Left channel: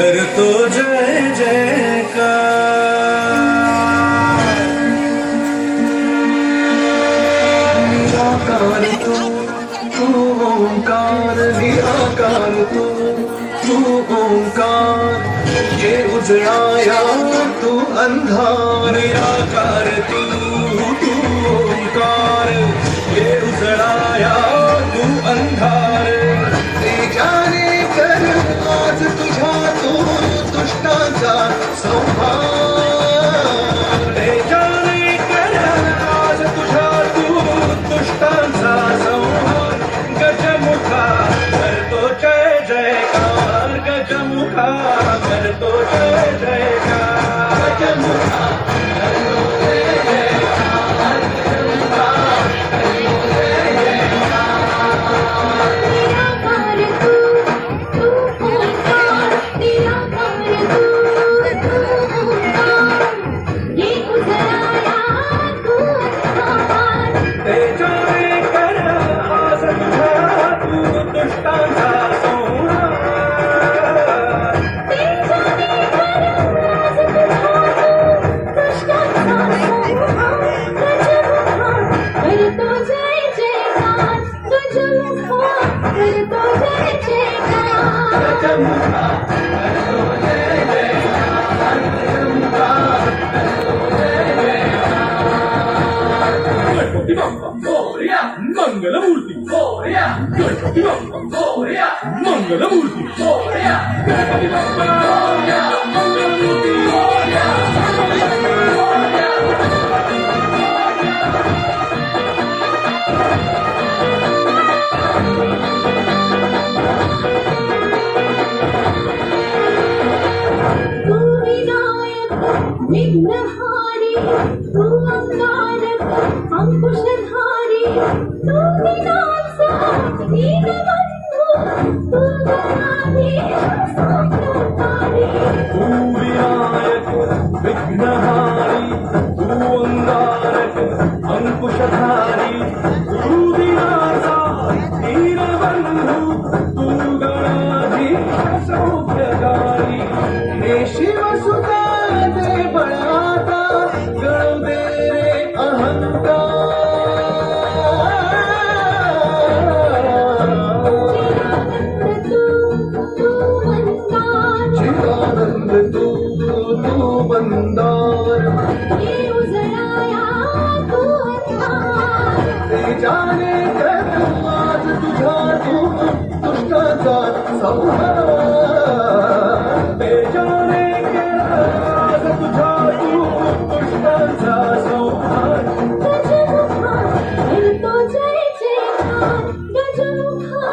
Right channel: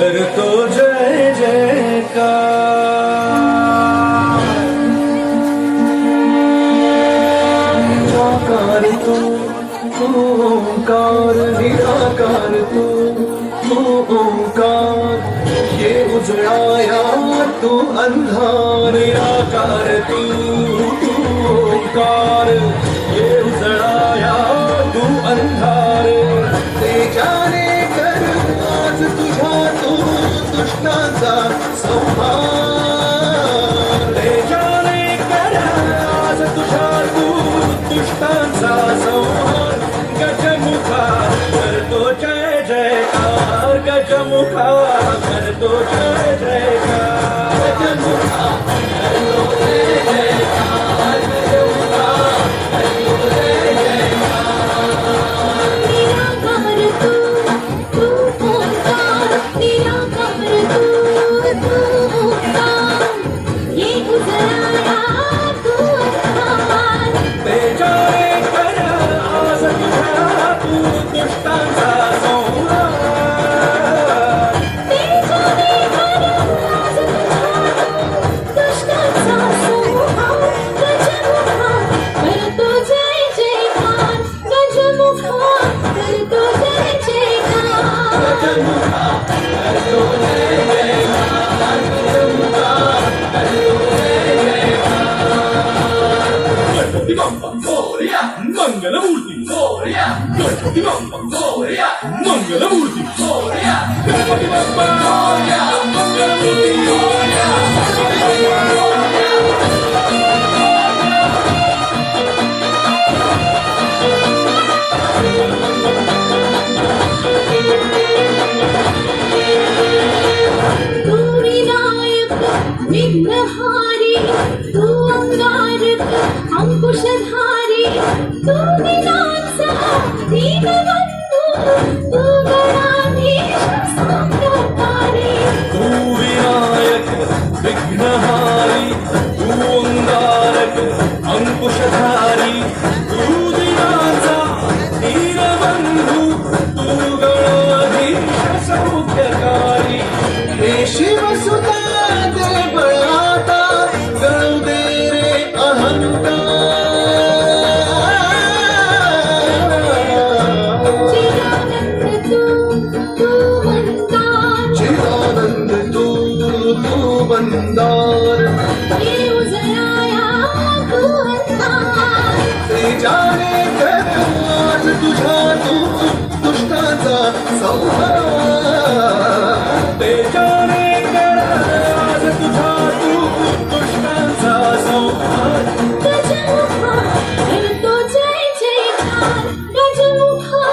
करतो जय जयकार. निराकार तू ओंकार, निराकार तू ओंकार. ये उजळाया तू अंधार, निराकार तू ओंकार. ये उजळाया तू अंधार. तेजाने कर आज तुझ्या तू दुष्टांचा संहार. तेजाने कर आज तुझ्या तू दुष्टांचा संहार. गजमुखा करतो जय जयकार, गजमुखा करतो जय जयकार. गजमुखा करतो जय जयकार, गजमुखा करतो जय जयकार. तेजाने कर आज तुझ्या तू दुष्टांचा संहार. करतो जय जयकार, गजमुखा करतो जय जयकार. गजमुखा करतो जय जयकार, गजमुखा करतो जय जयकार. गणपती बाप्पा मोरया, मंगलमूर्ती मोरया. गणपती बाप्पा मोरया, मंगलमूर्ती मोरया. गणपती बाप्पा मोरया, मंगलमूर्ती मोरया. तू विनायक विघ्नहारी, तू अंगारक अंकुशधारी. तू दिनांचा दीनबंधू, तू गणाधीश साम्राज्ञी. तू विनायक विघ्नहारी, तू अंगारक अंकुशधारी. तू दिनाचा दीनबंधू, तू गणाधीश सौख्यकारी. हे शिवसुता दे बळाता, गळू दे रे अहंकार. चिदानंद तू वंदार. ये उजळाया तू अंधार. तेजाने कर आज तुझ्या तू दुष्टांचा संहार. तेजाने कर आज तुझ्या तू दुष्टांचा संहार. गजमुखा करतो जय जयकार, गजमुखा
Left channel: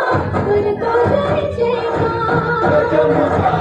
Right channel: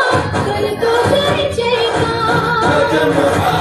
करतो जय जयकार. गजमुखा